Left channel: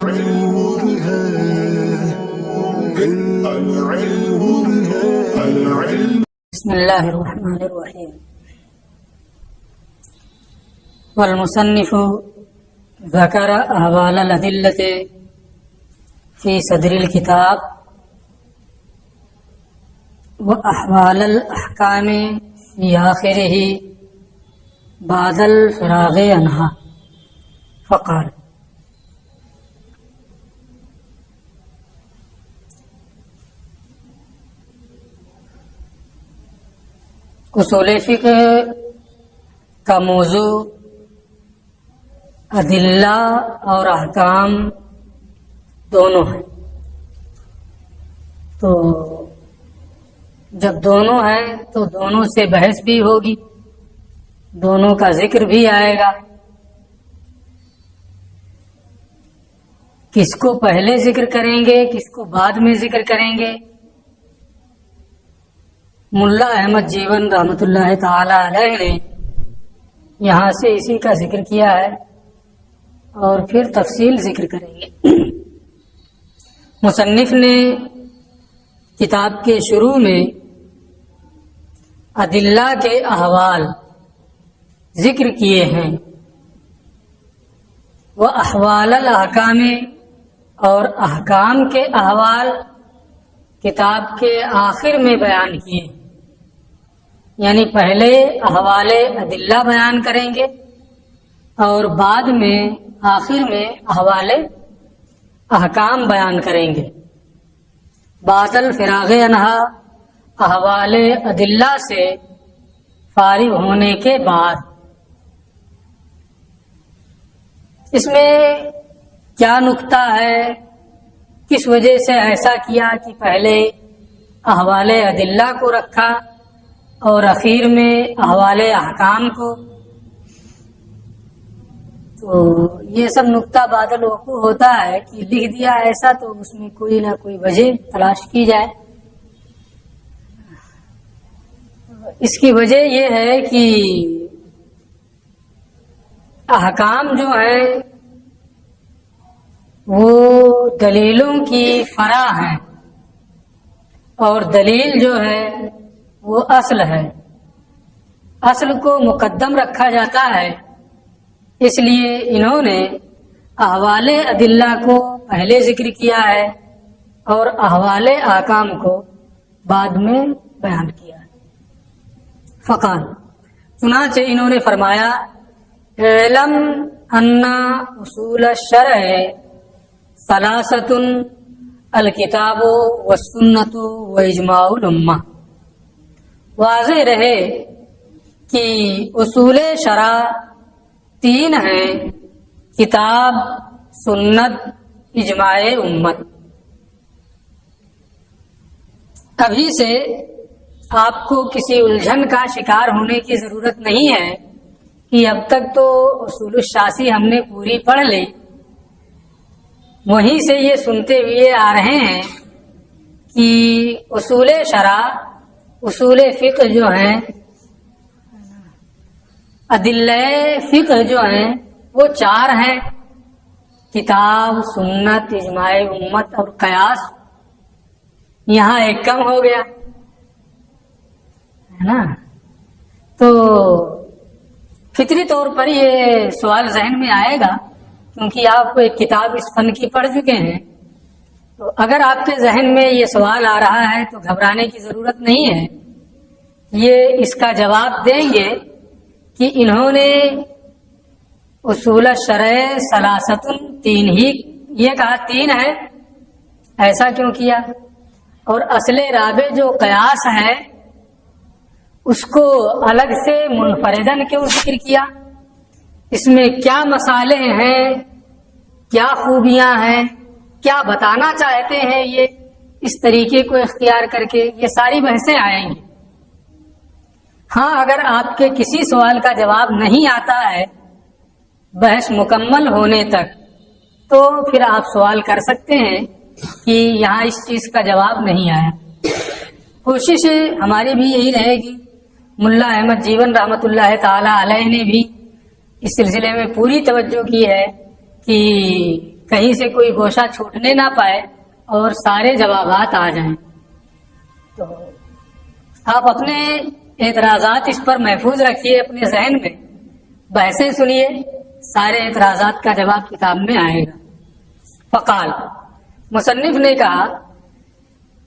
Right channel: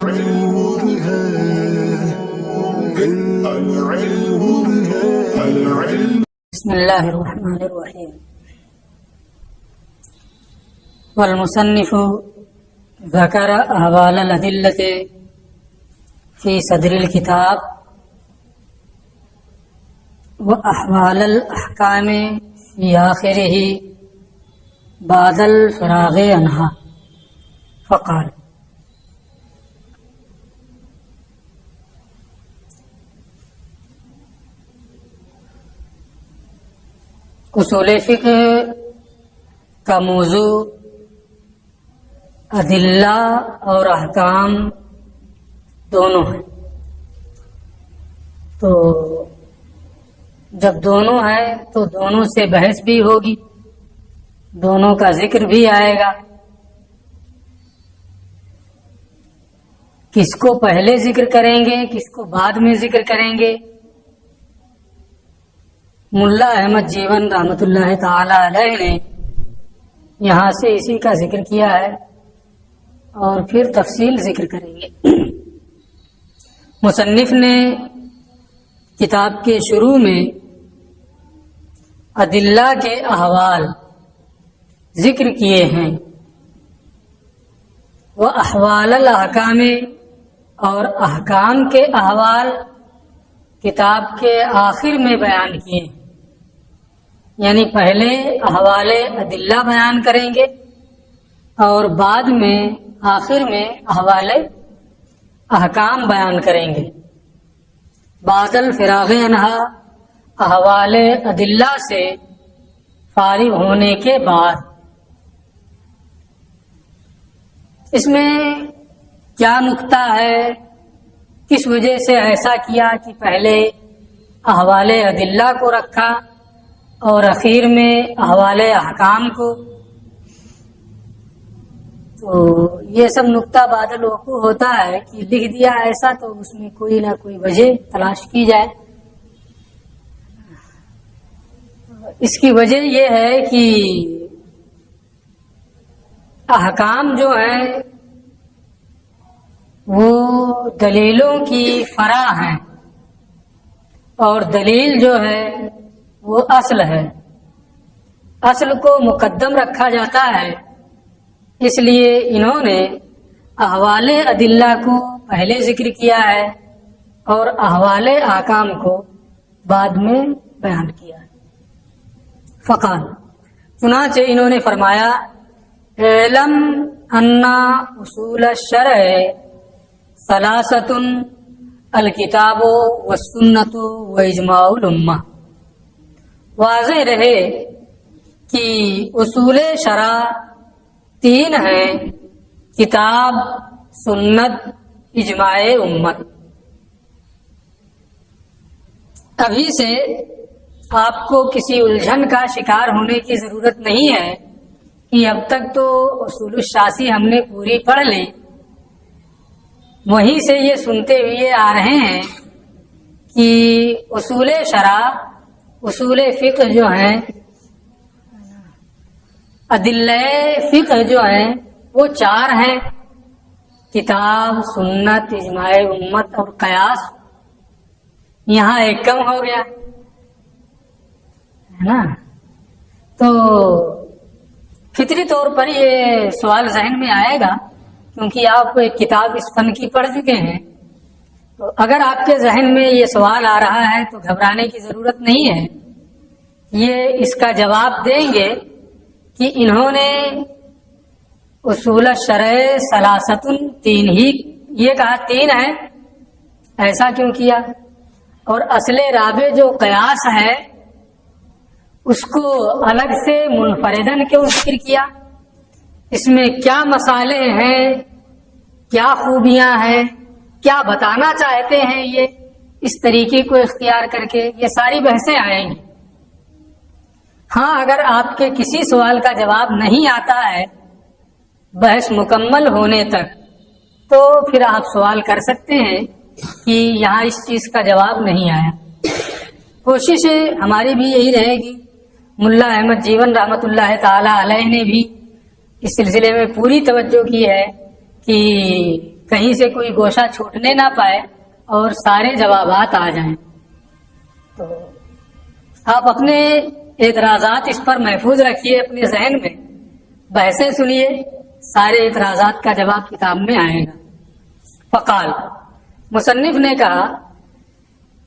بسم الله الرحمن الرحيم. والمصنف ذكر أحوال الأدلة في صدر الكتاب وأحوال الأحكام في آخره بعد الفراغ عنها فقال: اصول فقہ کا موضوع ادلہ اور احکام دونوں ہیں. تو جب دونوں ہیں تو دونوں سے بحث بھی ہوگی، دونوں کا ذکر بھی آئے گا. کس کو پہلے ذکر کریں گے، کس کو بعد میں ذکر کریں گے. ملا احمد جیون رحمۃ اللہ تعالی علیہ نے یہاں سے اسی کا ذکر کیا ہے اور پھر تفصیل ذکر کریں گے. مصنف نے کتاب کے شروع میں ادلہ کے احوال ذکر کیے ہیں، وہ احوال الاحکام اور احکام کے احوال کتاب کے آخر میں بیان کیے ہیں. یعنی پہلے احوال ادلہ بیان کریں گے اور بعد میں آخر میں احوال احکام بیان کریں گے. بعد الفراغ عنہا، احوال ادلہ سے فارغ ہونے کے بعد. اس میں کیا نکتہ ہے، کس وجہ سے ایسا کیا کہ پہلے احوال ادلہ کو رکھا اور اخیر میں احوال احکام کو. تو یہ سب نکتہ بعد الوقوع ہوتا ہے کہ لکھ دیا ایسا، تو اس میں کوئی نہ کوئی وجہ تلاش کی جائے. اس کی وجہ یہ ہے کہ احکام جو ہیں وہ دلیلوں کی فرع ہیں اور دلیل جو ہے وہ اصل ہے. اصل کو مقدم رکھا جاتا ہے، اس لیے انہوں نے احوال ادلہ کو پہلے ذکر کیا ہے اور احوال احکام کو بعد میں بیان کیا ہے. فقال، چنانچہ انہوں نے فرمایا: اعلم ان اصول الشرع ثلاثۃ الکتاب والسنۃ واجماع الامہ. واضح رہے کہ اصول شرع تین ہیں: کتاب، سنت، اجماع امت. ابھی سے آپ کو کسی الجھن کا شکار ہونے کی ضرورت نہیں ہے کہ اب تک تو اصول الشاسی ہم نے پوری پڑھ لی، وہیں سے یہ سنتے ہوئے آ رہے ہیں کہ اصول شرع، اصول فقہ جو ہیں، ادلہ فقہ جو ہیں وہ چار ہیں: کتاب، سنت، اجماع امت اور قیاس. یہاں ایک کم ہو گیا ہے نا. تو فطری طور پر یہ سوال ذہن میں آئے گا، کیونکہ آپ ایک کتاب اس فن کی پڑھ چکے ہیں. تو اگر آپ کے ذہن میں یہ سوال آ رہا ہے تو گھبرانے کی ضرورت نہیں ہے. یہ اس کا جواب دیں گے کہ انہوں نے اصول الشرع ثلاثۃ تین ہی یہ کہا، تین ہے، ایسا کیوں کیا؟ اور اصل رابع جو قیاس ہے اس کو الگ سے منفردن کیوں ذکر کیا؟ اس میں کیا مسالے ہیں، کیا خوبیاں ہیں، کیا بتانا چاہتے ہیں یہ اس طریقے کو اختیار کر کے؟ یہ ساری بحثیں آئیں گی. ہاں، اگر آپ کے کسی سوال کا جواب نہیں آتا ہے بحث مکمل ہونے تک، تو پھر آپ سوال کر سکتے ہیں کہ یہاں اس چیز کا جواب نہیں آیا. کوشش ہماری بھی یہی رہے گی. ملا احمد جیون رحمۃ اللہ تعالی علیہ نے بھی اس سلسلے میں پوری توجہ کی ہے کہ کہیں سے کوئی گوشہ چھوٹنے نہ پائے اور سارے جوابات آ جائیں. تو آپ اپنے اعتراضات اس پر محفوظ رکھیے اپنے ذہن میں، بحثیں سنیے، سارے اعتراضات کا جواب کتاب میں آئے گا. فقال، مصنف نے کہا،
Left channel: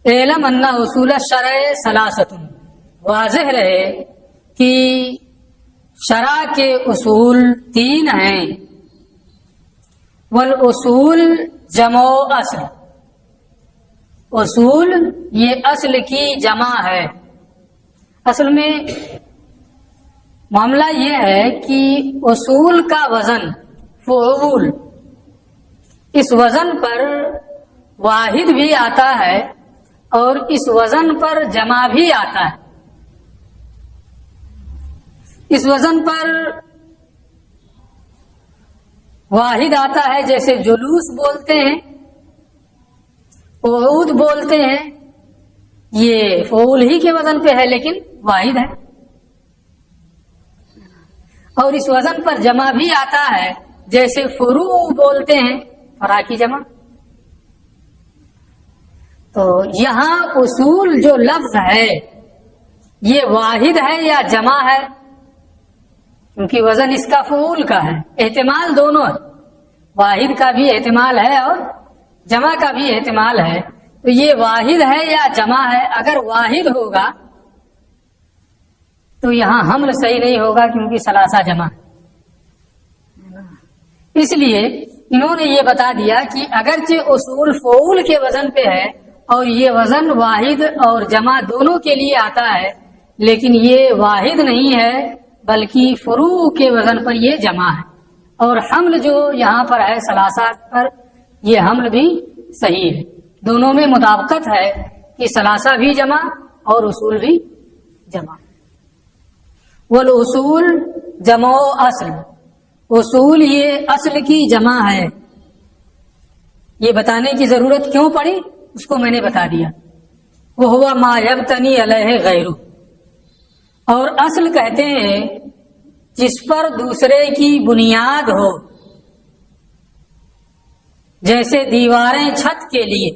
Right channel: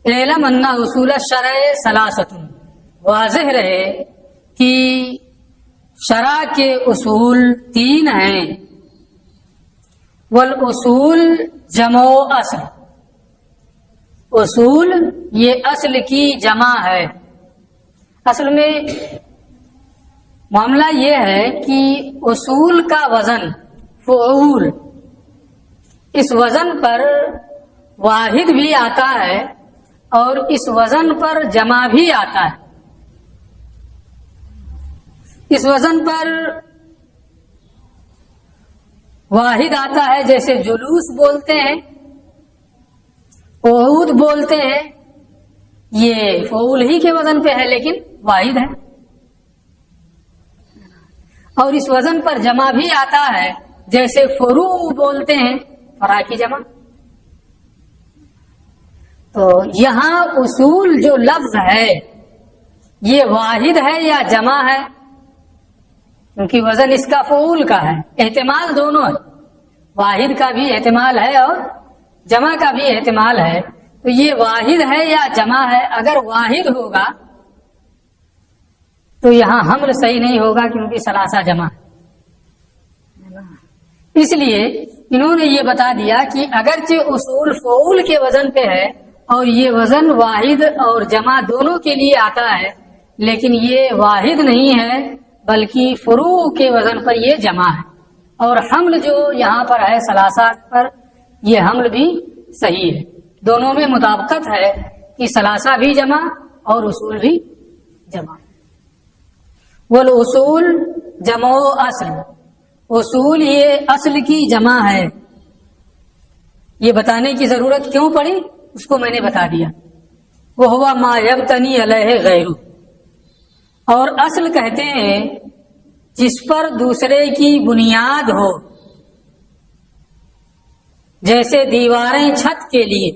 اعلم ان اصول الشرع ثلاثۃ، واضح رہے کہ شرع کے اصول 3 ہیں. والاصول جمع اصل، اصول یہ اصل کی جمع ہے. اصل میں معاملہ یہ ہے کہ اصول کا وزن فعول، اس وزن پر واحد بھی آتا ہے اور اس وزن پر جمع بھی آتا ہے. اس وزن پر واحد آتا ہے جیسے جلوس بولتے ہیں، قعود بولتے ہیں، یہ فعول ہی کے وزن پہ ہے لیکن واحد ہے. اور اس وزن پر جمع بھی آتا ہے جیسے فروع بولتے ہیں، فرع کی جمع. تو یہاں اصول جو لفظ ہے یہ واحد ہے یا جمع ہے؟ کیونکہ وزن اس کا فعول کا ہے، احتمال دونوں ہے، واحد کا بھی احتمال ہے اور جمع کا بھی احتمال ہے. تو یہ واحد ہے یا جمع ہے؟ اگر واحد ہوگا تو یہاں حمل صحیح نہیں ہوگا کیونکہ ثلاثہ جمع ہے. اس لیے انہوں نے یہ بتا دیا کہ اگرچہ اصول فعول کے وزن پہ ہے اور یہ وزن واحد اور جمع دونوں کے لیے آتا ہے، لیکن یہ واحد نہیں ہے بلکہ فروع کے وزن پر یہ جمع ہے. اور حمل جو یہاں پر ہے ثلاثہ پر، یہ حمل بھی صحیح ہے، دونوں میں مطابقت ہے کہ ثلاثہ بھی جمع اور اصول بھی جمع. والاصول جمع اصل، اصول یہ اصل کی جمع ہے. یہ بتانے کی ضرورت کیوں پڑی اس کو میں نے بتا دیا. وہ ہوا ما یبتنی علیہ غیرہ، اور اصل کہتے ہیں جس پر دوسرے کی بنیاد ہو، جیسے دیواریں چھت کے لیے،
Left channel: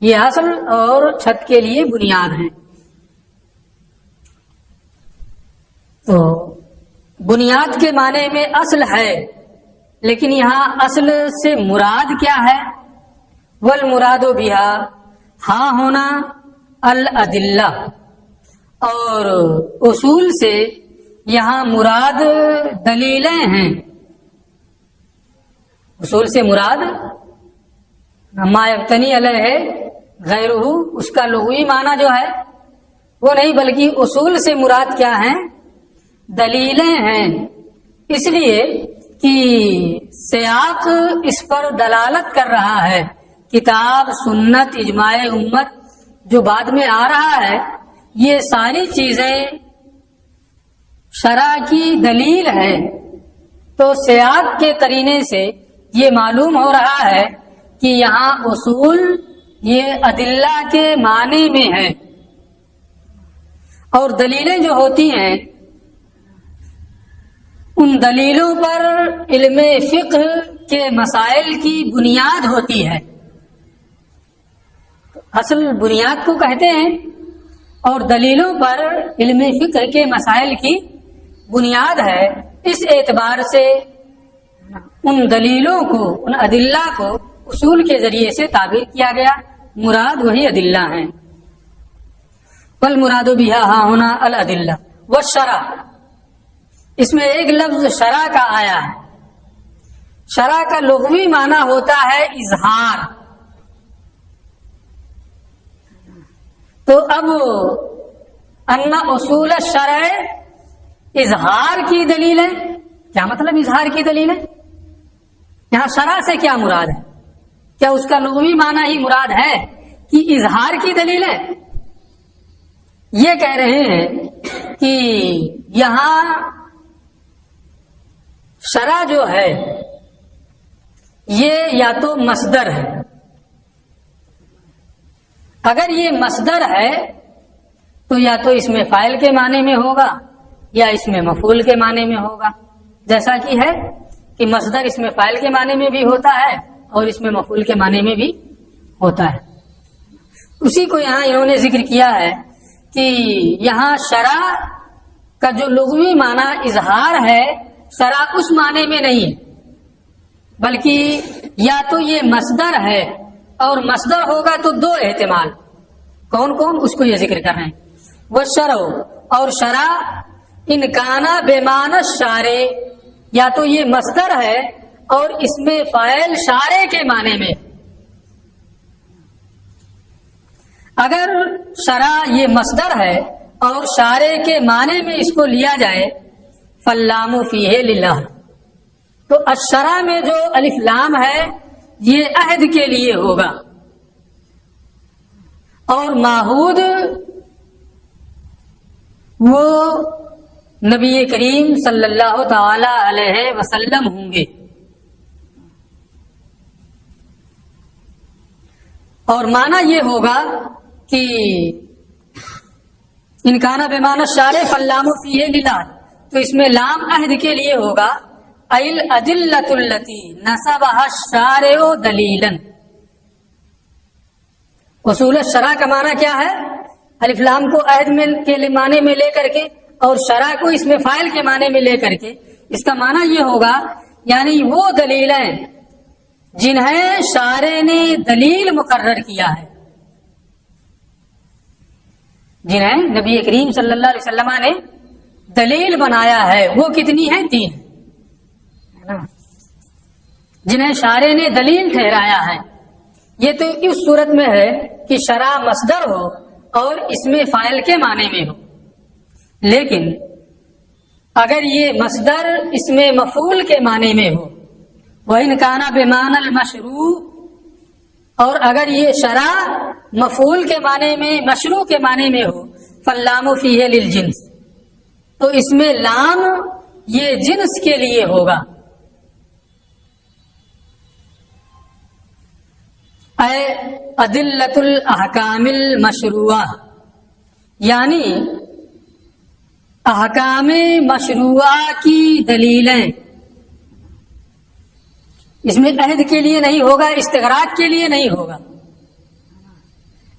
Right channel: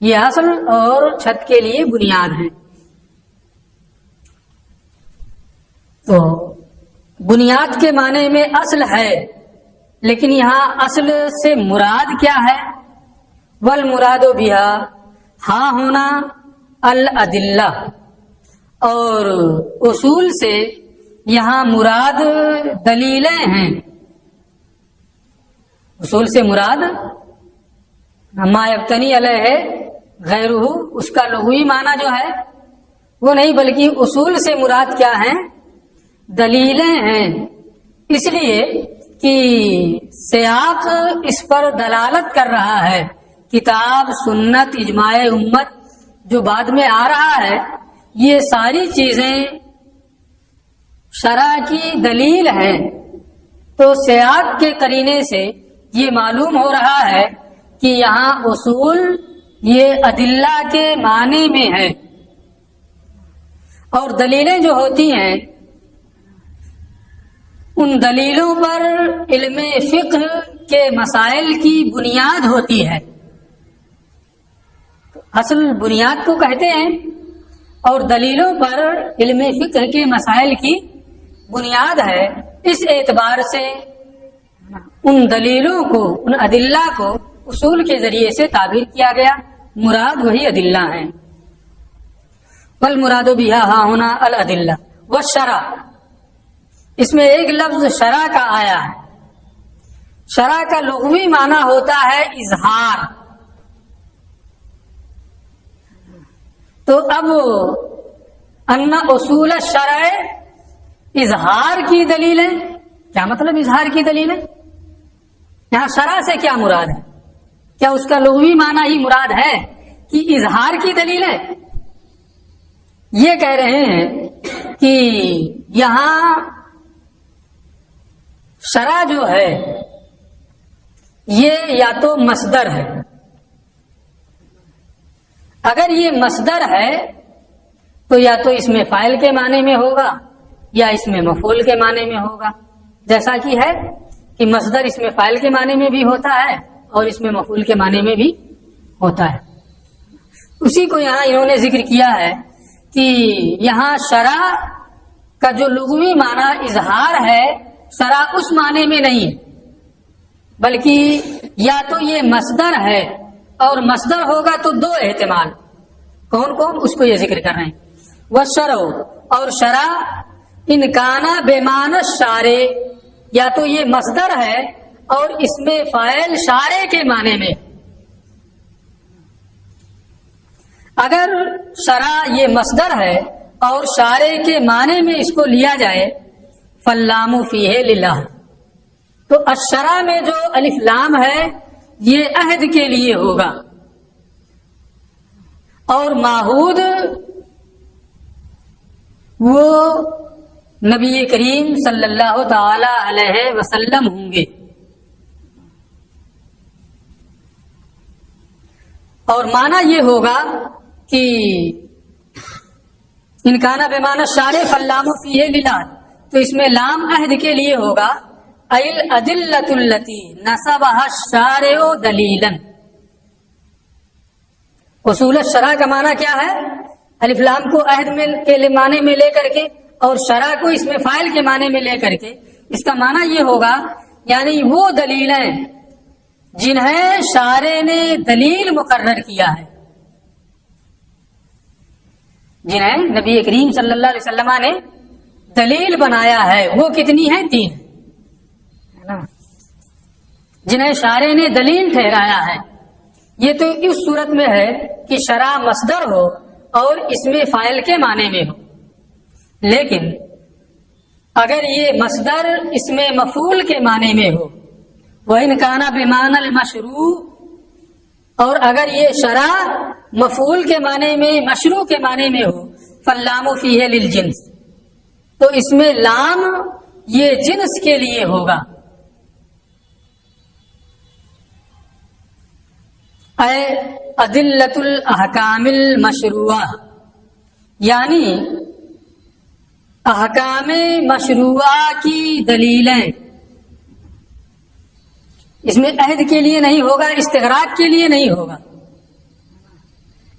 یہ اصل اور چھت کے لیے بنیاد ہے. تو بنیاد کے معنی میں اصل ہے، لیکن یہاں اصل سے مراد کیا ہے؟ والمراد بہا، ہاں ہونا الادلہ، اور اصول سے یہاں مراد دلیلیں ہیں. اصول سے مراد ما یبتنی علیہ غیرہ، اس کا لغوی معنی جو ہے وہ نہیں، بلکہ اصول سے مراد کیا ہے؟ دلیلیں ہیں. اس لیے کہ سیاق اس پر دلالت کر رہا ہے، کتاب، سنت، اجماع امت جو بعد میں آ رہا ہے، یہ ساری چیزیں شرع کی دلیل ہے. تو سیاق کے قرینے سے یہ معلوم ہو رہا ہے کہ یہاں اصول یہ ادلہ کے معنی میں ہے، اور دلیلیں جو ہوتی ہیں ان دلیلوں پر علم فقہ کے مسائل کی بنیاد ہوتی ہے. اصل بنیاد کو کہتے ہیں، اور دلیلوں پر علم فقہ کے مسائل کی بنیاد ہے. اس اعتبار سے ان دلیلوں کو، ان ادلہ کو اصول کے ذریعے سے تعبیر کیا گیا، مراد وہی ادلہ ہیں. والمراد بہا ہاں ہونا الادلہ. والشرع، اس میں ایک لفظ شرع کا آیا ہے. شرع کا لغوی معنی ہوتا ہے اظہار. تو اب ان اصول الشرع اظہار کی دلیل ہے. کیا مطلب اظہار کی دلیل ہے؟ یہاں شرع سے کیا مراد ہے؟ کیا اس کا لغوی معنی ہی مراد ہے کہ اظہار کی دلیل ہے؟ یہ کہہ رہے ہیں کہ یہاں شرع جو ہے یہ یا تو مصدر ہے. اگر یہ مصدر ہے تو یا تو اس میں فاعل کے معنی میں ہوگا یا اس میں مفعول کے معنی میں ہوگا. جیسا کہ ہے کہ مصدر اس میں فاعل کے معنی میں بھی ہوتا ہے اور اس میں مفعول کے معنی میں بھی ہوتا ہے. اسی کو یہاں انہوں نے ذکر کیا ہے کہ یہاں شرع کا جو لغوی معنی اظہار ہے شرع اس معنی میں نہیں ہے، بلکہ یا تو یہ مصدر ہے اور مصدر ہوگا تو دو احتمال. کون کون؟ اس کو یہ ذکر کر رہے ہیں. والشرع، اور شرع ان کانا بمعنی الشارع، یا تو یہ مصدر ہے اور اس میں فاعل شارع کے معنی میں. اگر شرع یہ مصدر ہے اور شارع کے معنی میں اس کو لیا جائے فاللام فیہ للہ، تو الشرع میں جو الف لام ہے یہ عہد کے لیے ہوگا، اور معہود وہ نبی کریم صلی اللہ تعالی علیہ وسلم ہوں گے. اور معنی یہ ہوگا کہ ان کانا بمعنی الشارع فاللام فیہ للہ، تو اس میں لام عہد کے لیے ہوگا. الادلۃ التی نصبها الشارع دلیلا. اصول الشرع کا معنی کیا ہے؟ الف لام کو عہد میں کے معنی میں لے کر کے اور شرع کو اس میں فاعل کے معنی میں لے کر کے، اس کا معنی یہ ہوگا یعنی وہ دلیلیں جنہیں شارع نے دلیل مقرر کیا ہے، جنہیں نبی کریم صلی اللہ علیہ وسلم نے دلیل بنایا ہے. وہ کتنی ہیں؟ 3. جنہیں شارع نے دلیل ٹھہرایا ہے. یہ تو اس صورت میں ہے کہ شرع مصدر ہو اور اس میں فاعل کے معنی میں ہو. لیکن اگر یہ مصدر اس میں مفعول کے معنی میں ہو، وَإِنْ كَانَ بِمَعْنَى الْمَشْرُوعِ، اور اگر یہ شرع مفعول کے معنی میں مشروع کے معنی میں ہو فاللام فیہ للجنس، تو اس میں لام یہ جنس کے لیے ہوگا. اے ادلۃ الاحکام المشروعہ، یعنی احکام مشروعہ کی دلیلیں. اس میں عہد کے لیے نہیں ہوگا، استغراق کے لیے نہیں ہوگا.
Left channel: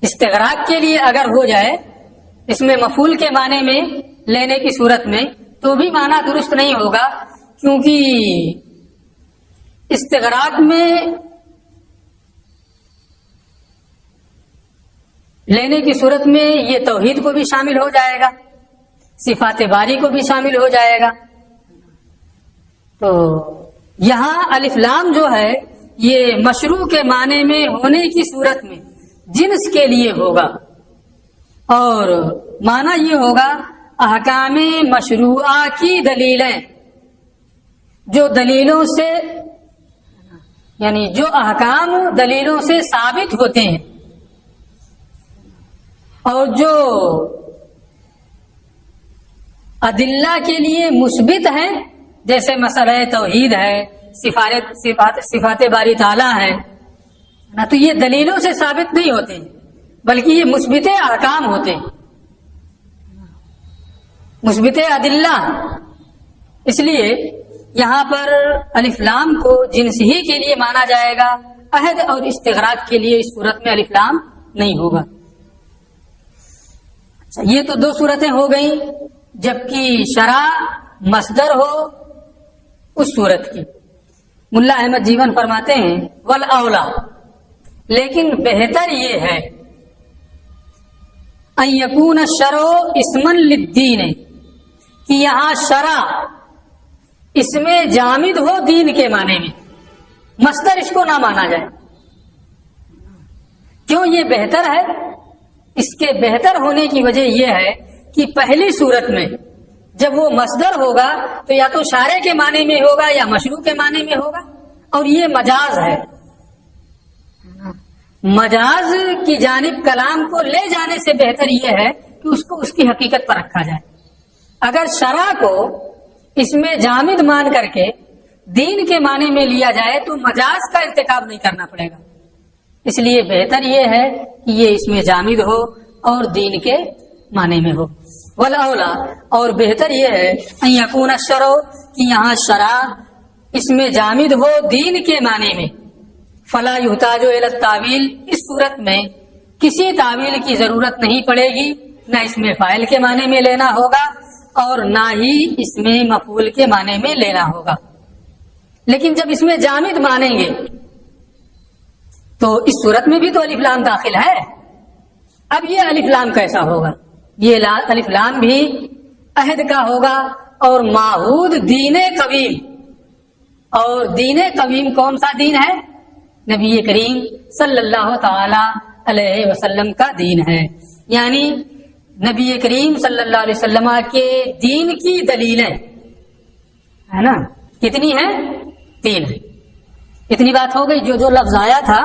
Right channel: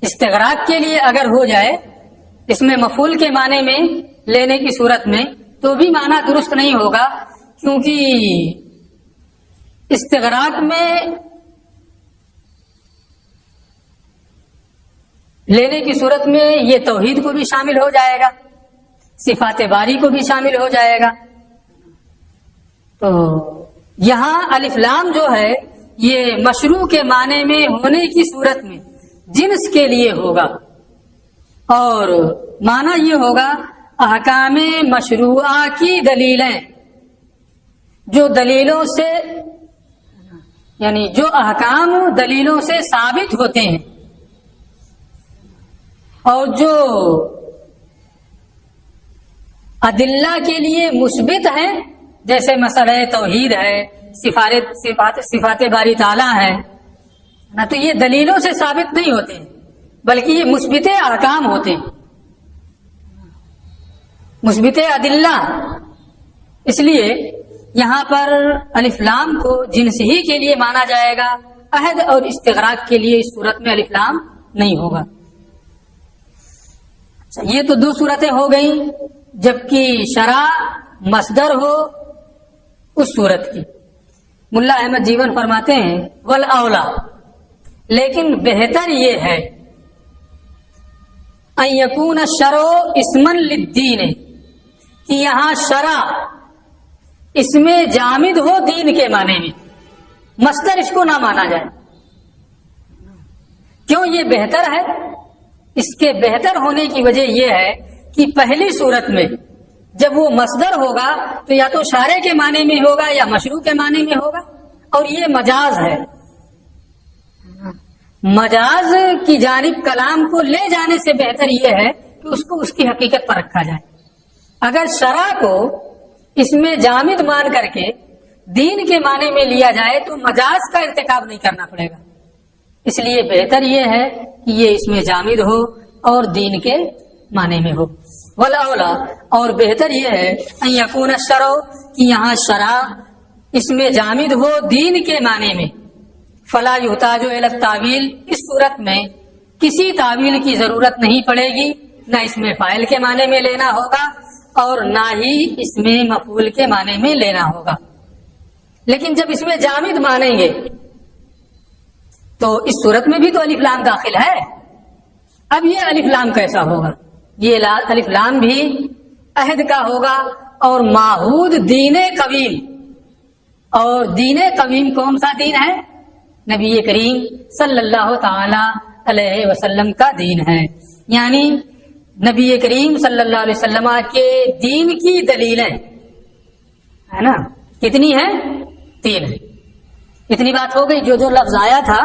استغراق کے لیے اگر ہو جائے اس میں مفعول کے معنی میں لینے کی صورت میں تو بھی معنی درست نہیں ہوگا، کیونکہ استغراق میں لینے کی صورت میں یہ توحید کو بھی شامل ہو جائے گا، صفات باری کو بھی شامل ہو جائے گا. تو یہاں الف لام جو ہے یہ مشروع کے معنی میں ہونے کی صورت میں جنس کے لیے ہوگا، اور معنی یہ ہوگا احکام مشروعہ کی دلیلیں، جو دلیلوں سے یعنی جو احکام دلیلوں سے ثابت ہوتے ہیں اور جو ادلہ کے لیے مثبت ہیں، جیسے مسئلہ توحید ہے، صفات باری تعالیٰ ہے نا، تو یہ دلیلوں سے ثابت نہیں ہوتے بلکہ یہ مثبت احکام ہوتے ہیں، مثبت ادلہ. اس لیے یہاں پر الف لام کو جنس ہی کے لیے مانا جائے گا، عہد اور استغراق کے لیے اس صورت میں الف لام نہیں ہوگا. یہ تو 2 صورتیں ہو گئیں جبکہ شرع مصدر ہو اس صورت کی. ملا احمد جیون فرماتے ہیں والاولا، لیکن بہتر یہ ہے ان یکون الشرع اسما للدین، کہ یہاں شرع اس میں جامد ہو دین کے معنی میں، مصدر اس کو نہ مانا جائے. کیوں یہ بہتر ہے؟ اس کے بہتر ہونے کی وجہ یہ ہے کہ پہلی صورت میں جب وہ مصدر ہوگا تو یا تو شارع کے معنی میں ہوگا یا مشروع کے معنی میں ہوگا، اور یہ مجاز ہے. مجاز کی جانب کلام کو لے جانے سے بہتر یہ ہے کہ اس کو اس کی حقیقت پر رکھا جائے. اگر شرع کو اس میں جامد مان کر کے دین کے معنی میں لیا جائے تو مجاز کا ارتکاب نہیں کرنا پڑے گا. اس لیے بہتر یہ ہے کہ یہ اس میں جامد ہو اور دین کے معنی میں ہو. والاولا، اور بہتر یہ ہے ان یکون الشرع، کہ یہاں شرع اس میں جامد ہو دین کے معنی میں. فلا یحتاج الی التاویل، اس صورت میں کسی تعویل کی ضرورت نہیں پڑے گی، نہ اس میں فاعل کے معنی میں لینا ہوگا اور نہ ہی اس میں مفعول کے معنی میں لینا ہوگا۔ لیکن جب اس میں جامد مانیں گے تو اس صورت میں بھی تو الف لام داخل ہے۔ اب یہ الف لام کیسا ہوگا؟ یہ الف لام بھی عہد کا ہوگا اور معہود دین قویم۔ اور دین قویم کون سا دین ہے؟ نبی کریم صلی اللہ تعالی علیہ وسلم کا دین ہے، یعنی نبی کریم صلی اللہ علیہ وسلم کے دین کی دلیلیں ہے نا، کتنی ہیں؟ 3 ہیں۔ اتنی بات ہو گئی، جو لفظ آیا تھا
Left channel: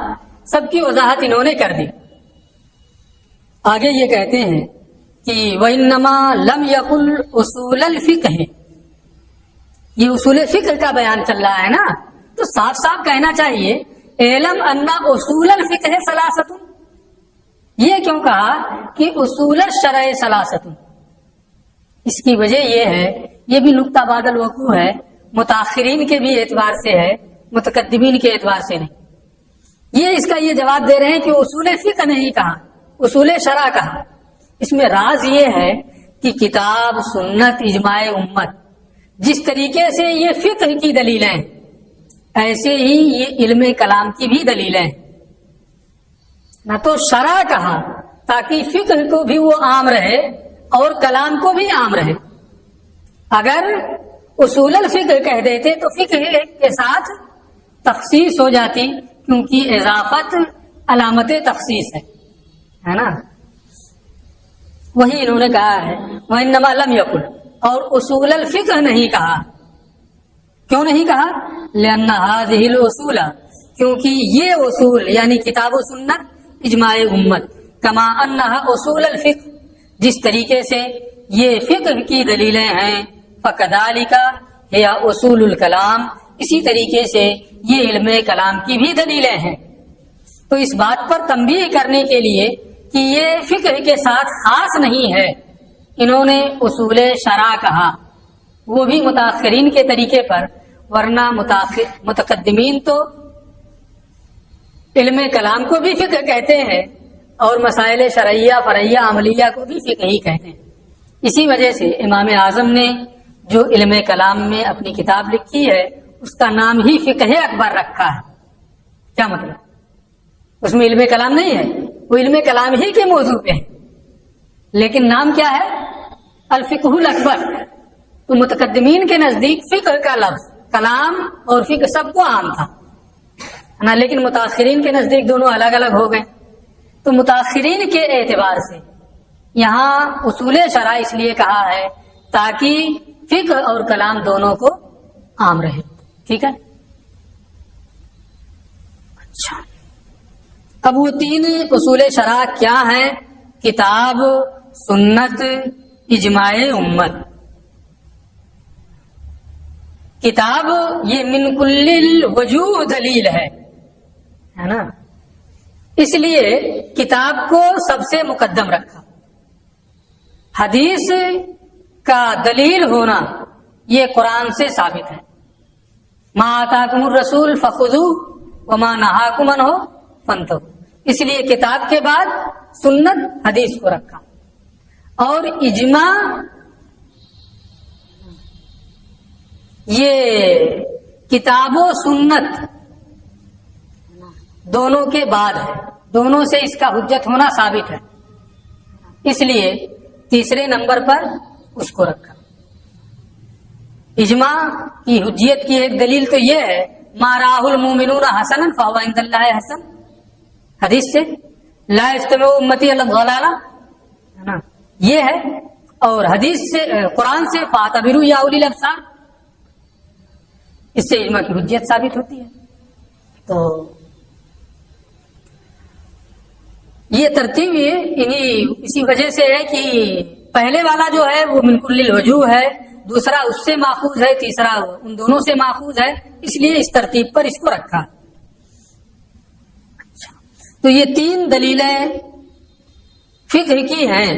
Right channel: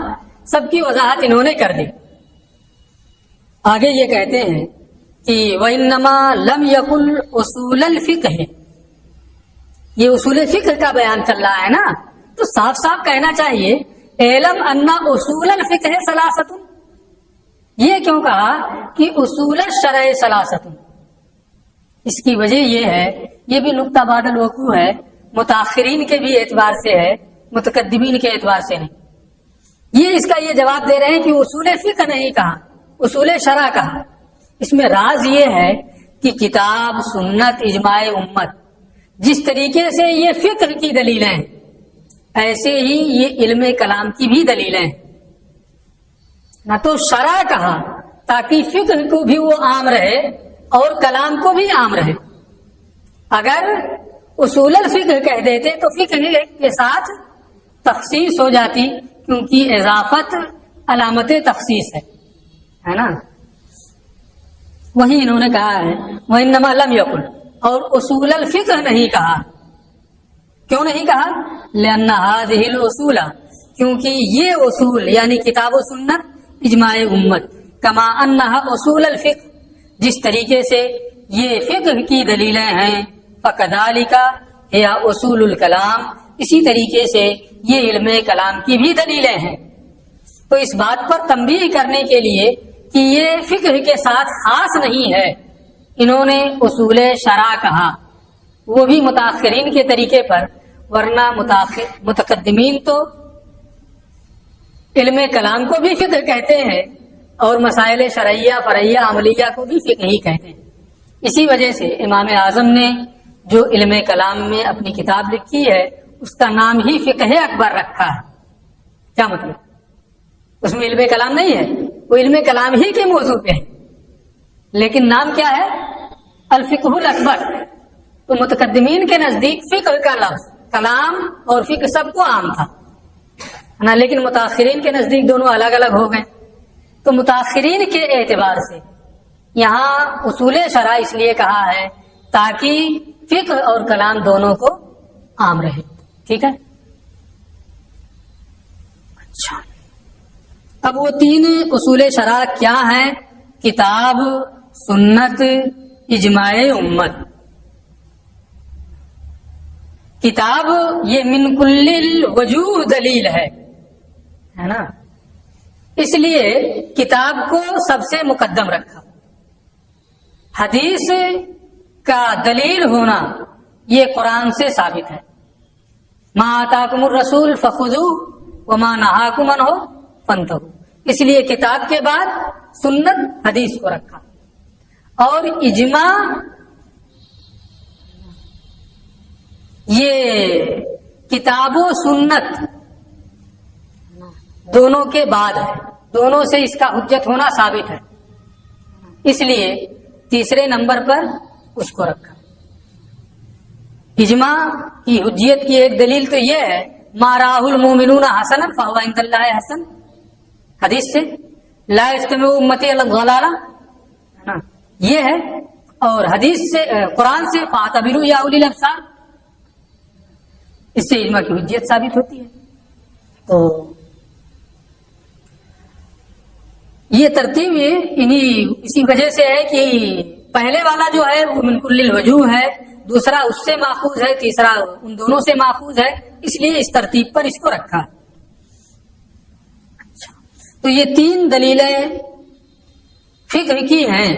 سب کی وضاحت انہوں نے کر دی۔ آگے یہ کہتے ہیں کہ وَإِنَّمَا لَمْ يَقُلْ أُصُولَ الْفِقْهِ، یہ اصول فقہ کا بیان چل رہا ہے نا، تو صاف صاف کہنا چاہیے اعلم ان اصول الفقہ ثلاثۃ۔ یہ کیوں کہا کہ اصول الشرع ثلاثۃ؟ اس کی وجہ یہ ہے، یہ بھی نقطہ بعد الوقوع ہے، متاخرین کے بھی اعتبار سے ہے، متقدمین کے اعتبار سے نہیں۔ یہ اس کا یہ جواب دے رہے ہیں کہ اصول فقہ نہیں کہا، اصول شرع کہا۔ اس میں راز یہ ہے کہ کتاب، سنت، اجماع امت، جس طریقے سے یہ فقہ کی دلیلیں ہیں ایسے ہی یہ علم کلام کی بھی دلیلیں ہیں۔ نہ تو شرع کہا تاکہ فقہ کو بھی وہ عام رہے اور کلام کو بھی عام رہے۔ اگر اصول الفقہ کہہ دیتے تو فقہ کے ساتھ تخصیص ہو جاتی، کیونکہ اضافت علامت تخصیص ہے نا۔ وہی انہوں نے کہا ہے وَإِنَّمَا لَمْ يَقُلْ، اور اصول الفقہ نہیں کہا۔ کیوں نہیں کہا؟ لأن هذه الأصول، کیونکہ یہ اصول یعنی کتاب و سنت، اجماع امت، کما انها اصول الفقہ، جس طریقے سے یہ فقہ کی دلیلیں ہیں، فکذالک ہی اصول الکلام، اسی طریقے سے یہ علم کلام کی بھی دلیلیں ہیں۔ تو اس بات پر تنبیہ کرنے کے لیے کہ یہ فقہ کے ساتھ خاص نہیں ہے، انہوں نے اصول شرع کہا، وہ بھی متاخرین کے طریقے پر، ورنہ متقدمین تو علم کلام کو بھی فقہ کہتے ہیں اور مسائل شرعیہ، فرعیہ، عملیہ کو بھی فقہ ہی کہتے ہیں۔ اسی وجہ سے امام اعظم نے جو علم کلام میں اپنی کتاب لکھی ہے اس کا نام ہی فقہ اکبر رکھا ہے۔ کیا مطلب؟ اس میں علم کلام نہیں ہے، وہ علم کلام ہی کے موضوع پہ ہے، لیکن نام کیا ہے؟ الفقہ الاکبر۔ تو متقدمین کے نزدیک فقہ کا لفظ کلام اور فقہ سب کو عام تھا نا، لیکن متاخرین کے نزدیک دونوں الگ الگ ہو گئے۔ تو متاخرین کے اعتبار سے یہاں اصول شرع اس لیے کہا ہے تاکہ فقہ اور کلام دونوں کو عام رہے۔ ٹھیک ہے، اچھا، اب وہ 3 اصول شرع کیا ہیں؟ کتاب، سنت، اجماع امت۔ کتاب یہ من کل الوجوہ دلیل ہے نا، اس لیے کتاب کو سب سے مقدم رکھا۔ حدیث کا دلیل ہونا یہ قرآن سے ثابت ہے، ما آتاکم الرسول فخذوہ وما نہاکم عنہ فانتہوا، اس لیے کتاب کے بعد سنت، حدیث کو رکھا۔ اور اجماع یہ کتاب و سنت دونوں کے بعد ہے، دونوں سے اس کا حجت ہونا ثابت ہے، اس لیے تیسرے نمبر پر اس کو رکھا۔ اجماع کی حجیت کی ایک دلیل تو یہ ہے ما راہ المومنون حسنا فهو عند اللہ حسن، حدیث سے لا یجتمع امتی علی الضلالہ ہے نا، یہ ہے۔ اور حدیث سے، قرآن سے فاعتبروا یا اولی الابصار، اس سے اجماع کی حجیت ثابت ہوتی ہے۔ تو یہ ترتیب اسی وجہ سے ہے کہ پہلے والا جو ہے وہ من کل الوجوہ ہے، دوسرا اس سے ماخوذ ہے، تیسرا ان دونوں سے ماخوذ ہے، اس لیے اس ترتیب پر اس کو رکھا۔ تو یہ 3 دلیلیں فقہ کی ہیں۔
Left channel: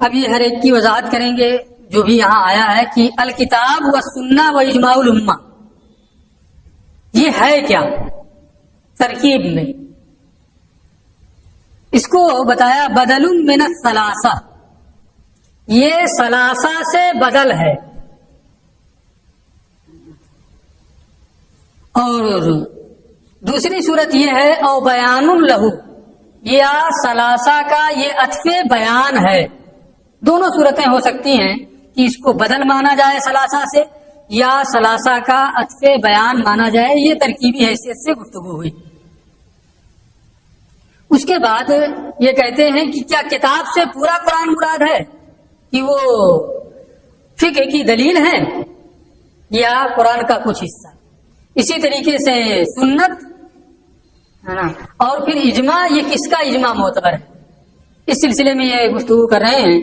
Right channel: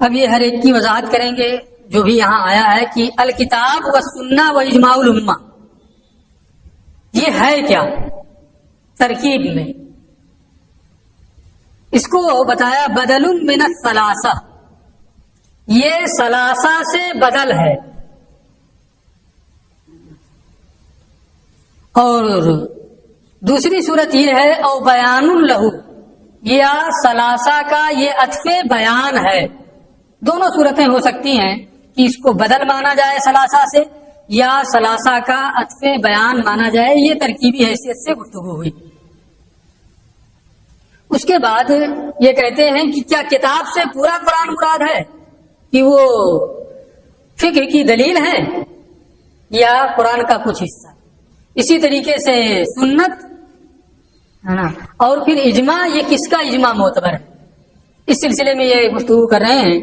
اب یہ ہر ایک کی وضاحت کریں گے، جو بھی یہاں آیا ہے کہ الکتاب والسنہ و اجماع الامہ، یہ ہے کیا ترکیب میں؟ اس کو بتایا بدل من الثلاثہ، یہ ثلاثہ سے بدل ہے. اور دوسری صورت یہ ہے او بیان لہو، یا ثلاثہ کا یہ عطف بیان ہے. دونوں صورتیں ہو سکتی ہیں کہ اس کو بدل مانا جائے ثلاثہ سے، یا ثلاثہ کا عطف بیان مانا جائے. یہ ترکیبی حیثیت سے گفتگو ہوئی. اس کے بعد یہ کہتے ہیں کہ کیا کتاب سے پورا قرآن مراد ہے کہ وہ فقہ کی دلیل ہے یا قرآن کا کچھ حصہ؟ اسی طریقے سے سنت ہے نا، اور پھر اجماع، یہ کس کا اجماع معتبر ہے؟ اس سلسلے میں یہ گفتگو کر رہے ہیں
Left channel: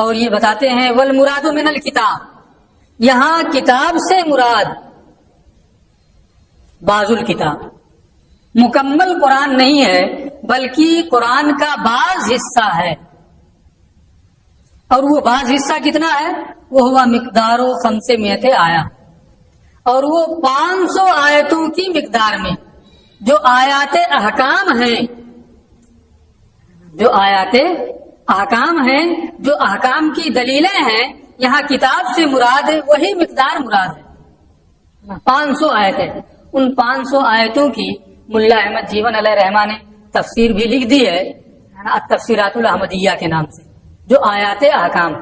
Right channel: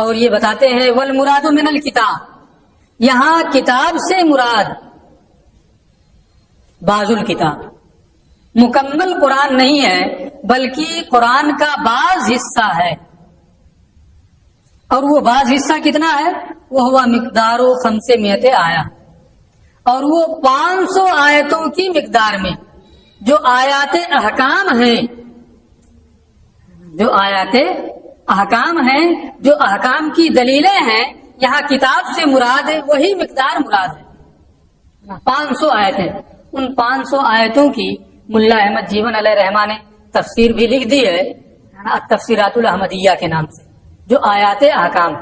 اور یہ بتاتے ہیں والمراد من الکتاب، یہاں کتاب سے مراد بعض الکتاب، مکمل قرآن نہیں ہے بلکہ قرآن کا بعض حصہ ہے. اور وہ بعض حصہ کتنا ہے؟ وہ ہوا مقدار و 500 آیا، اور وہ 500 آیتوں کی مقدار میں. جو آیات احکام ہیں، جو آیات احکام ہیں، جو احکام کی دلیلیں ہیں، یہاں کتاب سے مراد ہے وہی مقدار مراد ہے. 500 آیتیں، ان 500 آیتوں کی ملا احمد جیون علیہ رحمہ نے تفسیر بھی لکھ دی ہے تفسیرات الاحمدیہ کے نام سے، جو آیات احکام.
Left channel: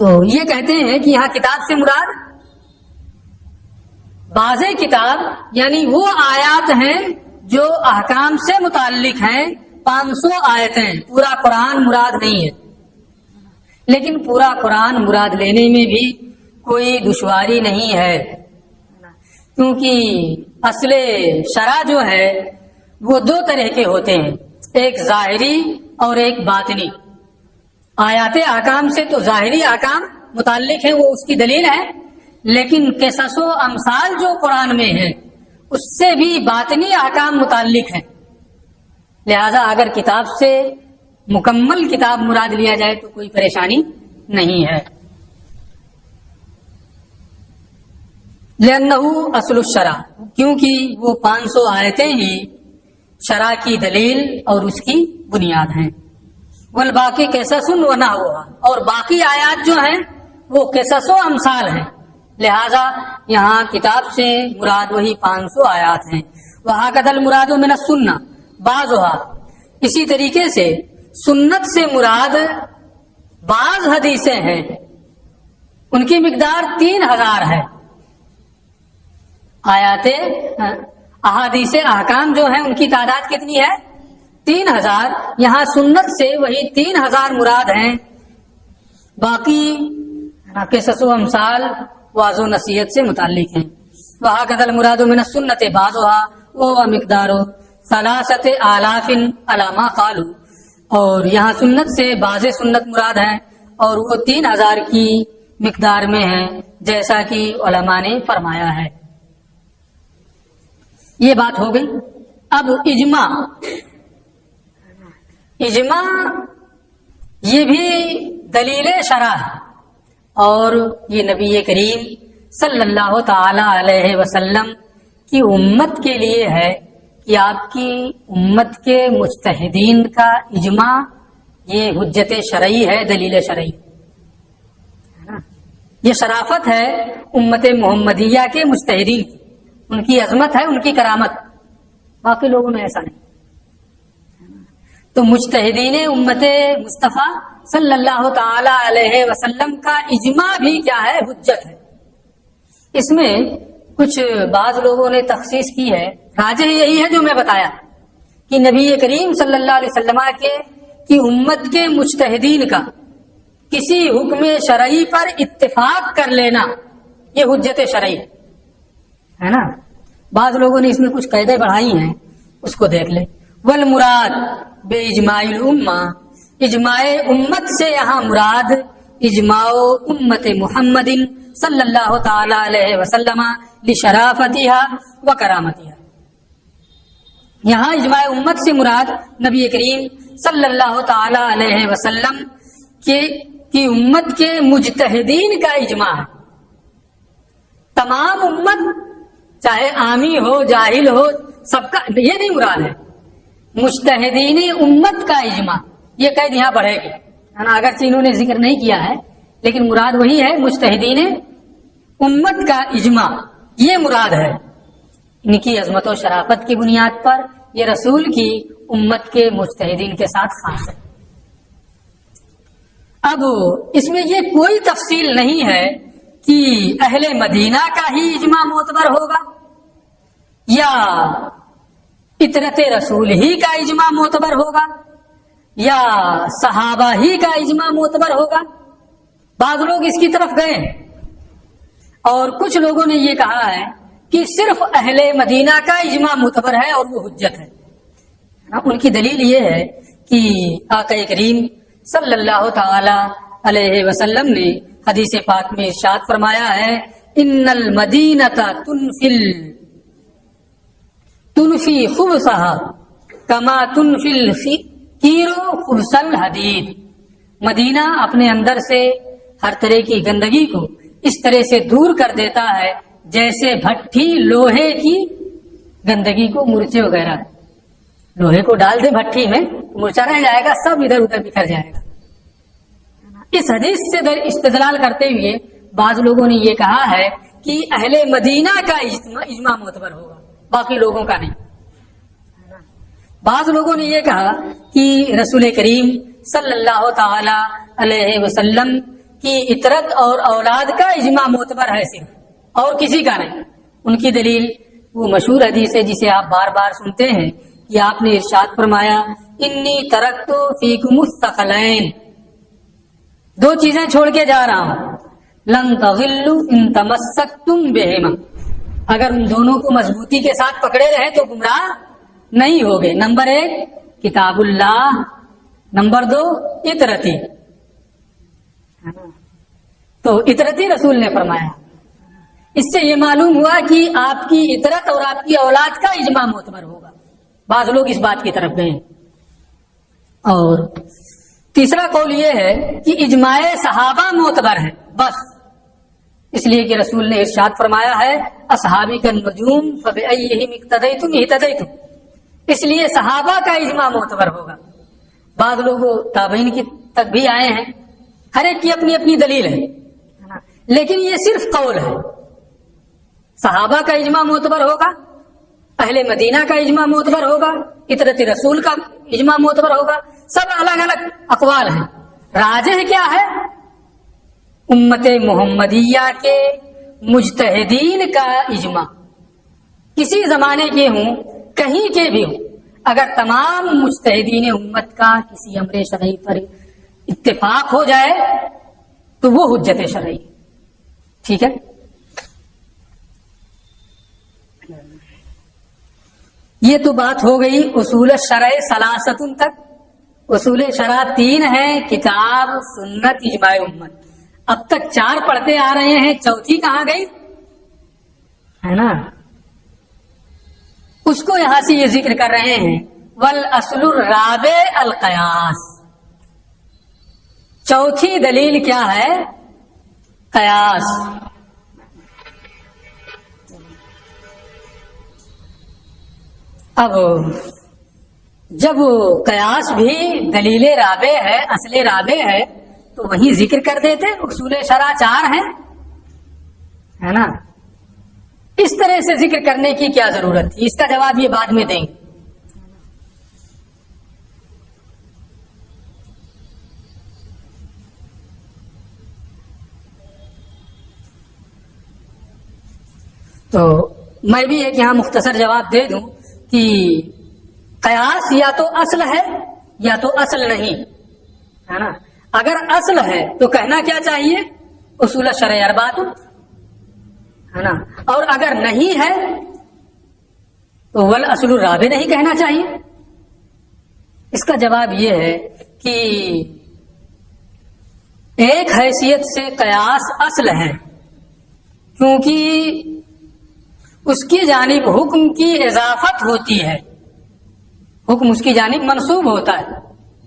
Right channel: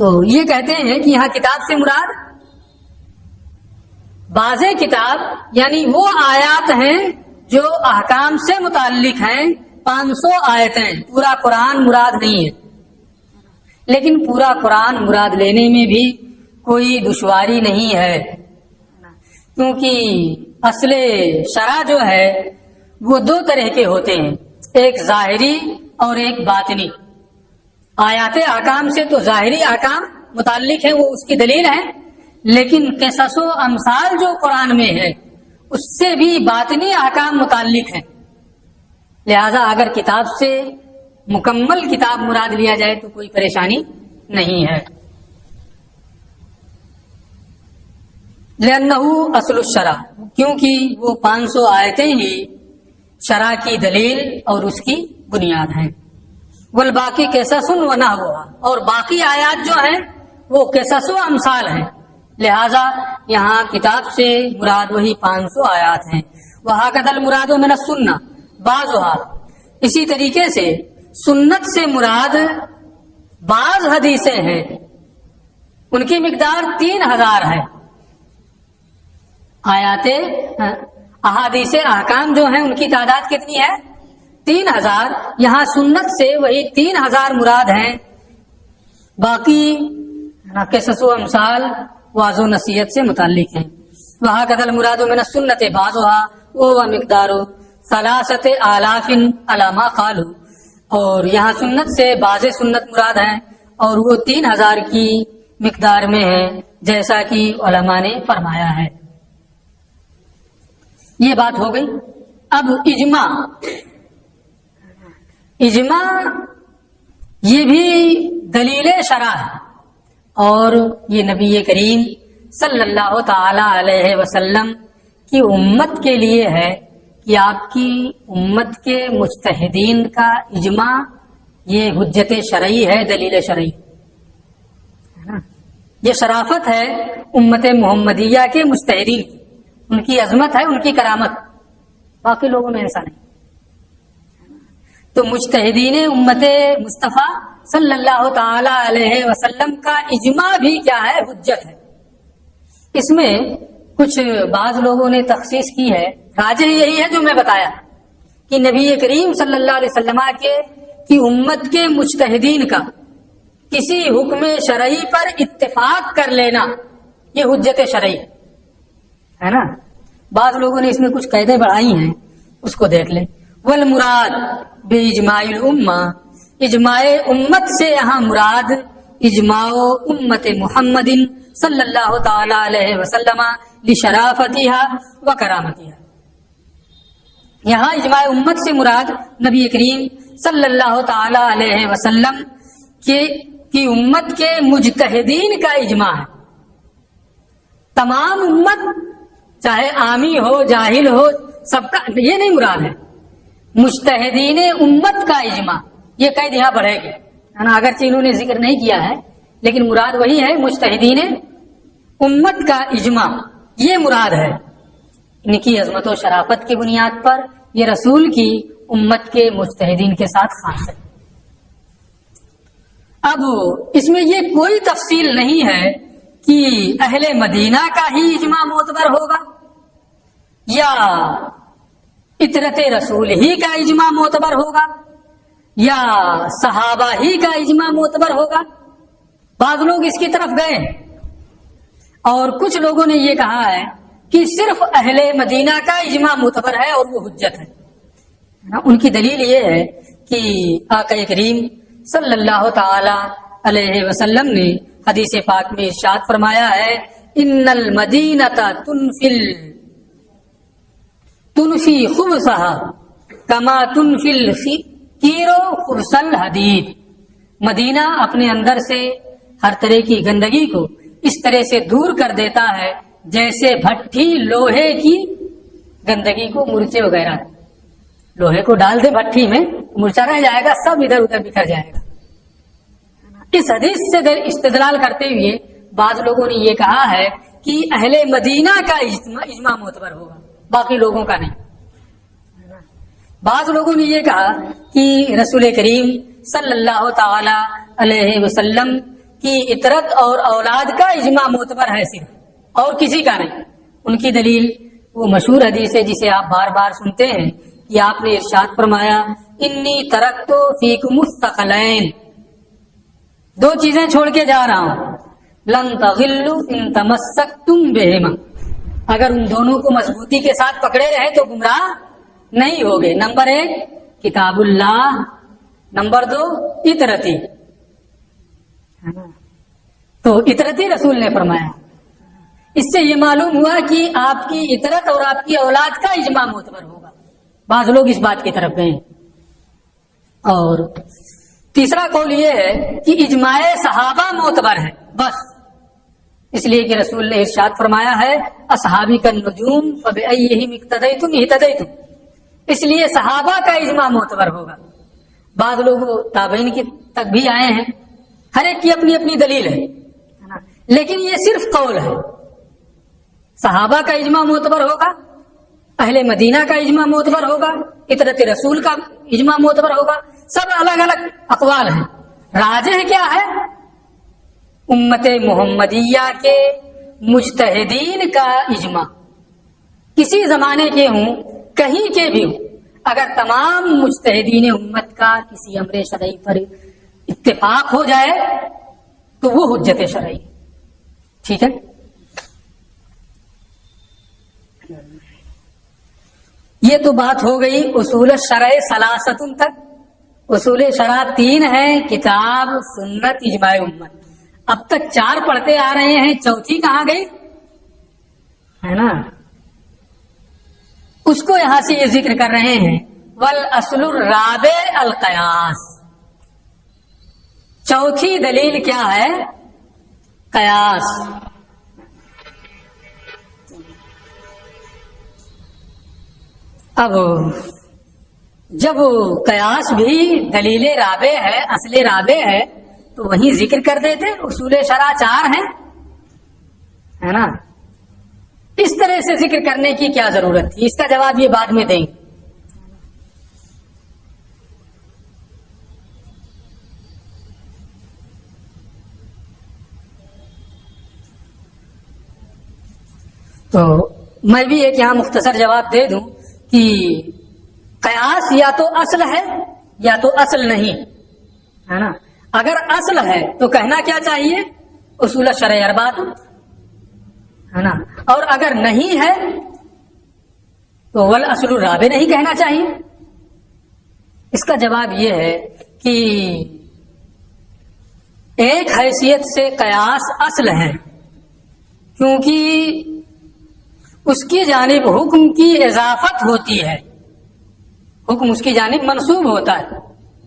تو یہ کہتے ہیں کہ یہاں کتاب سے مراد بعض کتاب، یعنی وہ آیات ہیں جو احکام سے متعلق ہیں. 500 آیتیں، پورا قرآن مراد نہیں ہے. لیکن پورا قرآن مراد لینے میں بھی کوئی دشواری نہیں ہے، کیونکہ اصل شرع جو ہے وہ 2 طرح کے ہوتے ہیں، ایک ظاہری اور ایک باطنی. آیات احکام سے تو ظاہری احکام متعلق ہیں، وہ اس کی دلیل ہے. لیکن قصص و امثال جو قرآن میں ہے اس سے بھی باطنی احکام متعلق ہیں. لہذا اگر کتاب سے مکمل کتاب مراد لیا جائے تو کوئی پریشانی نہیں ہے. لأنه اصل الشرع، کیونکہ وہ 500 آیتیں ہی شرع کی دلیل اور اس کی بنیاد ہیں. والباقی قصص و نحوہ، اور باقی آیات جو ہیں وہ قصص و امثال ہیں. لہذا یہاں کتاب سے مراد وہی 500 آیات ہیں. وَهَكَذَا الْمُرَادُ مِنَ السُّنَّةِ بَعْضُهَا، اسی طریقے سے سنت سے مراد بعض حدیثیں ہیں، ان کی مقدار 3000 ہے. آیات احادیث احکام جو ہیں ان کی تعداد کتنی ہے؟ 3000. یہاں سنت سے وہی 3000 مراد ہیں. باقی قصص و امثال واض و نصیحت سے متعلق ہیں. وَهَكَذَا الْمُرَادُ مِنَ السُّنَّةِ بَعْضُهَا وَهُوَ مِقْدَارُ 3,000 عَلَى مَا قَالُوا، اور یہاں سنت سے بعض سنت مراد ہیں اور وہ 3000 کی مقدار میں ہے، جیسا کہ علماء نے فرمایا ہے. یہ بات ہو گئی. اب اجماع، اجماع یہ بھی دلیل شرع ہے، اور یہ نبی کریم صلی اللہ تعالی علیہ وسلم کی امت کے لیے ہے کہ آپ کی امت کے مجتہدین کا اجماع یہ حجت شرعی ہے، دلیل شرعی. یہ شرافت ہے امت محمدیہ کے مجتہدین کی، ان کی عظمت ہے، ان کی کرامت. باقی لوگوں میں ایسا نہیں. تو مجتہدین امت مصطفیٰ صلی اللہ تعالی علیہ وسلم کا اجماع بھی کیا ہے؟ حجت ہے. اس میں کچھ بعض لوگوں نے تخصیص کی ہے، راجح یہی ہے جو میں بتایا کہ نبی کریم صلی اللہ علیہ وسلم کی امت کے مجتہدین کا کسی حکم شرعی پر اتفاق کر لینا یہ حجت شرعی ہے نا. بعض لوگوں نے اس میں کچھ قیدیں بڑھائی ہیں، اس کو دیکھ لیں. والمراد باجماع الامہ، اجماع امت سے یہاں مراد اجماع امت محمد صلی اللہ تعالی علیہ وسلم لشرافتها و کرامتها. یہاں اجماع امت سے مراد نبی کریم صلی اللہ تعالی علیہ وسلم کی امت کے مجتہدین کا اجماع ہے. تمام امت چاہے عامی ہو جاہل ہو سب کا یہ نہیں مراد ہے. مجتہدین امت کا اجماع یہ قید یہاں پڑے گی ہے نا، اگرچہ انہوں نے ذکر نہیں کیا ہے لیکن مراد وہی ہے. مجتہدین امت کا اجماع یہ مراد ہے. ان کی عظمت و شرافت کی بنیاد پر یہ رسول کی امت کے مجتہدین کے ساتھ خاص ہے. اب اس میں یہ کوئی تفصیل نہیں ہے کہ اہل مدینہ کا ہی اجماع معتبر ہوگا یا اطرت رسول ہی کا اجماع معتبر ہوگا یا صحابہ ہی کا اجماع معتبر ہوگا. بعض لوگ اس کی طرف گئے اور کچھ لوگوں نے یہ کہا ہے کہ صرف اہل مدینہ کا اجماع معتبر ہے اور وہ حجت ہے. ان کی دلیل یہ ہے کہ آقا کریم صلی اللہ تعالی علیہ وسلم نے حدیث پاک میں ارشاد فرمایا ہے ان المدینہ تنفی خبثها کما تنفی القیر خبث الحدید. مدینہ اپنے اندر سے ہر طرح کی گندگی کو اس طرح سے دور کر دیتا ہے جیسے بھٹی لوہے کی گندگی کو مرچے وغیرہ لوہے کو ڈال دے بھٹی میں مرچا رہ جائے گا سب ادھر ادھر بکھر جائے گا. اس حدیث سے استدلال کرتے ہوئے بعض لوگوں نے یہ کہا ہے کہ اہل مدینہ کا اجماع معتبر ہوگا باقی لوگوں کا نہیں. بعض لوگوں نے یہ کہا کہ رسول کریم صلی اللہ تعالی علیہ وسلم کی اطرت اور اولاد کا اجماع معتبر ہے صرف اور کسی کا نہیں. ان کی دلیل وہ مشہور حدیث ہے جسے آپ بار بار سنتے ہیں کہ آپ نے ارشاد فرمایا انی ترکت فیکم الثقلین، دو چیزیں چھوڑ کے جا رہا ہوں، لن تغلوا ان تمسکتم بہما، اگر ان دونوں کو مضبوطی کے ساتھ پکڑے رہے تو گمراہ نہیں ہوگے. نمبر 1 کتاب اللہ، نمبر 2 اطرتی. تو اطرتی رسول نے فرمایا. اس سے یہ معلوم ہوا کہ آپ کی اطرت اور آپ کی اولاد کا اجماع معتبر ہوگا. بعض لوگ اس بات کی طرف گئے. اور تیسرا قول یہ ہے کہ اجماع صحابہ معتبر ہے بس، اس لیے کہ رسول نے ارشاد فرمایا ہے اصحابی کالنجوم فبأیہم اقتدیتم اہتدیتم، اس لیے صحابہ کا اجماع معتبر ہوگا. بعض لوگ تابعین کی تک بھی آئے ہیں، ہر ایک کی اپنی اپنی دلیل ہے لیکن یہ صرف قول ہے. صحابہ کا اجماع معتبر ہوگا، اہل مدینہ کا اجماع معتبر ہوگا، اطرت رسول کا اجماع معتبر ہوگا، سب الگ الگ اقوال ہیں. راجح کیا ہے؟ امت محمدیہ کے مجتہدین کا اجماع، کسی زمانے کے ہوں کہیں کے بھی ہوں، اگر تمام مجتہدین امت کا کسی امر شرعی پر اتفاق ہو جائے تو وہ حجت شرعی. ٹھیک ہے. یہ تو بات ہو گئی اصول شرع ثلاثۃ تک. اصول شرع 3 ہیں، کتاب، سنت، اجماع امت. اب تک 4 پڑھتے آ رہے ہیں، چوتھی کہاں گئی ہے نا؟ اس کو یہاں سے یہ ذکر کر رہے ہیں والاصل الرابع القیاس. چوتھی دلیل کیا ہے؟ قیاس. اب جب قیاس بھی دلیل رابع ہے، اصل رابع ہے، تو وہیں ذکر کر دیتے اصول شرع 4 ہیں ہے نا. اس طرح سے ذکر کرنے کی کیا ضرورت تھی؟ اس کا جواب یہ بعد میں دیں گے. تو میں بھی ایک یہاں مختصر جواب دے دوں کہ قیاس یا تو اصل ہے یا تو اصل نہیں ہے نا. اگر اصل ہے تو کہنا کیا چاہیے؟ اصول شرع 4 ہے نا. اور اگر نہیں ہے تو والاصل الرابع نہیں کہنا چاہیے. اس کا جواب یہ ہے کہ ایک حیثیت سے قیاس اصل ہے کیونکہ اس کی جانب حکم کی اضافت ہوتی ہے، حکم اس کی جانب منسوب ہوتا ہے.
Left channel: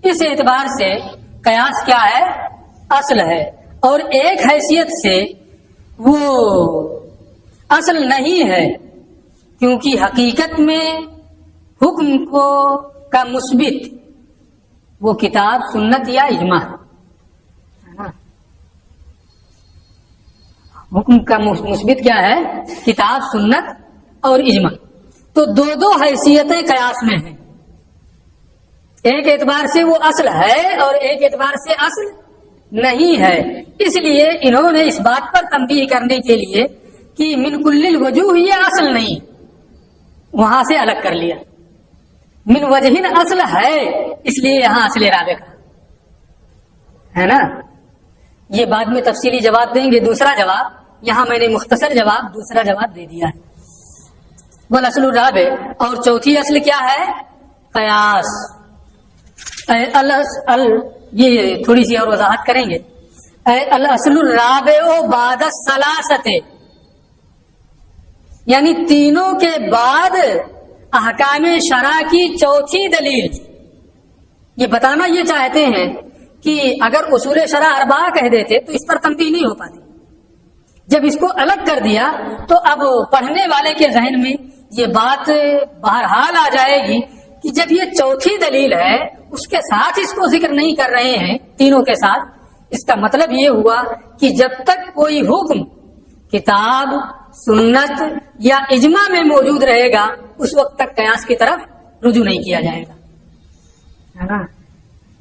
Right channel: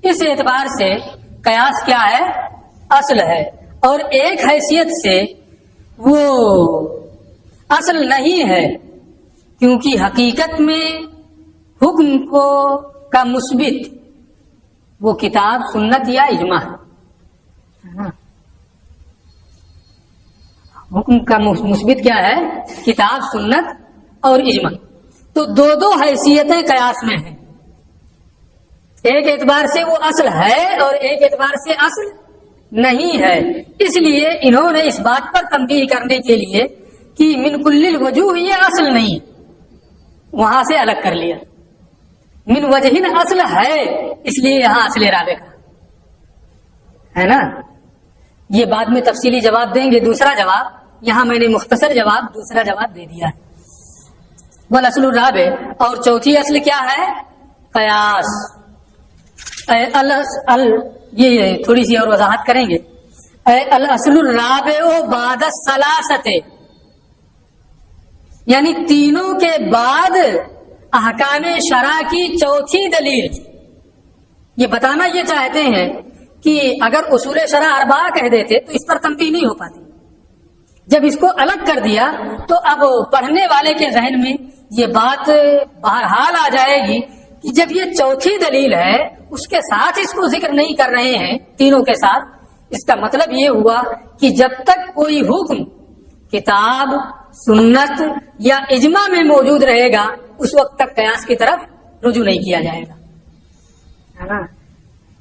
اس اعتبار سے قیاس کیا ہے؟ اصل ہے. اور ایک حیثیت سے وہ اصل نہیں ہے کیونکہ حقیقت میں حکم کو کا مثبت وہ کتاب سنت یا اجماع ہے نا. حکم کا مثبت کیا ہے؟ کتاب سنت اور اجماع. تو دو حیثیتیں قیاس میں ہیں. ایک اعتبار سے وہ اصل ہے اور ایک اعتبار سے اصل نہیں ہے. اس لیے انہوں نے اس بات پر تنبیہ کرنے کے لیے کہ من کل الوجوہ یہ اصل نہیں، وہاں سے الگ کر لیا. من وجہن اصل ہے، اس لیے یہاں اصل رابع کا ہے نا. یہ بعد میں تفصیلی جواب دیں گے. دوسرا جواب یہاں میں نے مختصر جواب دوسرا جواب دے دیا ہے. والاصل الرابع، اور چوتھی اصل کیا ہے؟ قیاس. یہ تھوڑی سی اور وضاحت کریں گے. الاصل الرابع بعد الثلاثۃ، یعنی تینوں کے بعد احکام شرع کی چوتھی دلیل. یہ بتانا یہ چاہتے ہیں کہ اگر اصول شرع اربعہ کہہ دیتے تو اس پر تنبیہ نہیں ہو پاتی. جب اس کو الگ کر دیا تو اب پڑھنے والے کے ذہن میں یہ بات بہرحال آ جائے گی کہ جب یہ چوتھی دلیل ہے اس کے ساتھ اس کو ذکر نہیں کر رہے ہیں تینوں کے ساتھ، اس کا مطلب یہ ہوا کہ جب تک کوئی حکم کتاب سنت یا اجماع میں موجود رہے گا اس وقت تک قیاس کی طرف رجوع نہیں کیا جائے گا.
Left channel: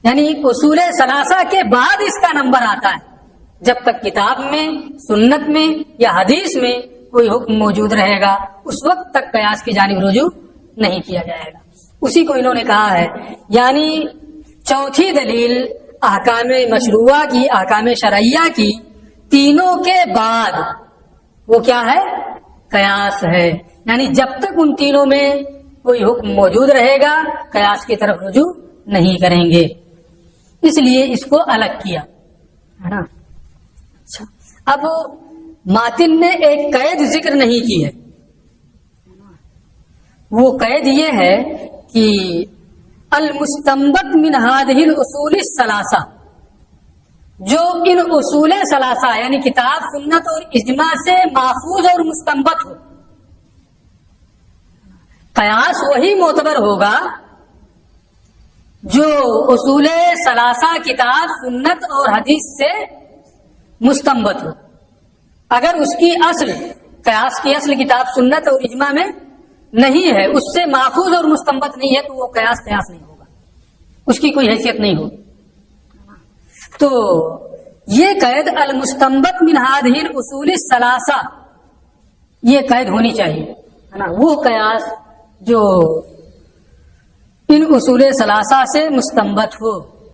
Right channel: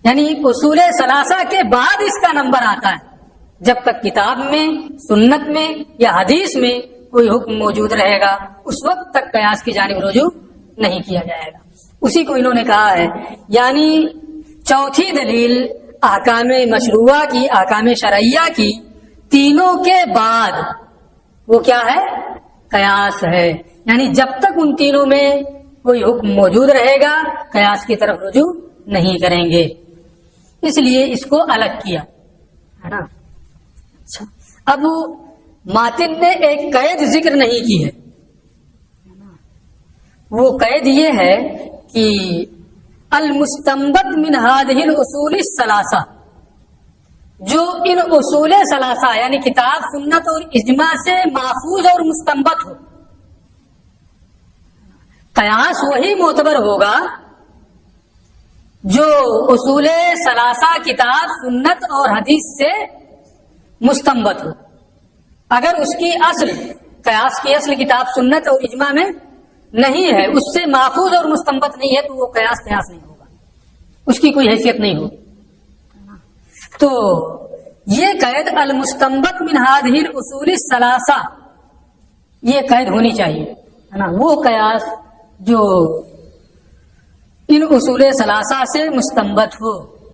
یعنی اصول ثلاثہ کے بعد اس کا نمبر آتا ہے. جب تک کتاب میں سنت میں یا حدیث میں کوئی حکم موجود رہے گا اس وقت تک قیاس کی جانب رجوع نہیں کیا جائے گا. اسی کو انہوں نے کہا ہے یعنی چوتھی دلیل احکام مشروعہ کی، احکام شرعیہ کی تینوں کے بعد وہ کیا ہے؟ قیاس ہے. یعنی جب تک ان تینوں میں کوئی حکم موجود رہے گا قیاس کی طرف رجوع نہیں کریں گے. اس لیے اس کو الگ کیا ہے نا. اچھا، اب ماتن نے ایک قید ذکر نہیں کی ہے. وہ قید یہ ہے کہ المستنبط من هذه الاصول الثلاثہ، جو ان اصول ثلاثہ یعنی کتاب سنت اور اجماع سے ماخوذ اور مستنبط ہو. قیاس وہی معتبر ہوگا جو اصول ثلاثہ کتاب سنت اور حدیث سے مستنبط ہو. اگر اس کی اصل قیاس کی اصل کتاب سنت اور اجماع میں نہیں ہے، اس سے ماخوذ اور مستنبط نہیں ہے، تو وہ قیاس نہیں ہوگا، اس کی کوئی حیثیت نہیں ہوگی. تو یہ قید المستنبط من هذه الاصول الثلاثہ یہ قید ہونی چاہیے ہے نا. وہ قیاس جو ان اصول ثلاثہ سے مستنبط ہو.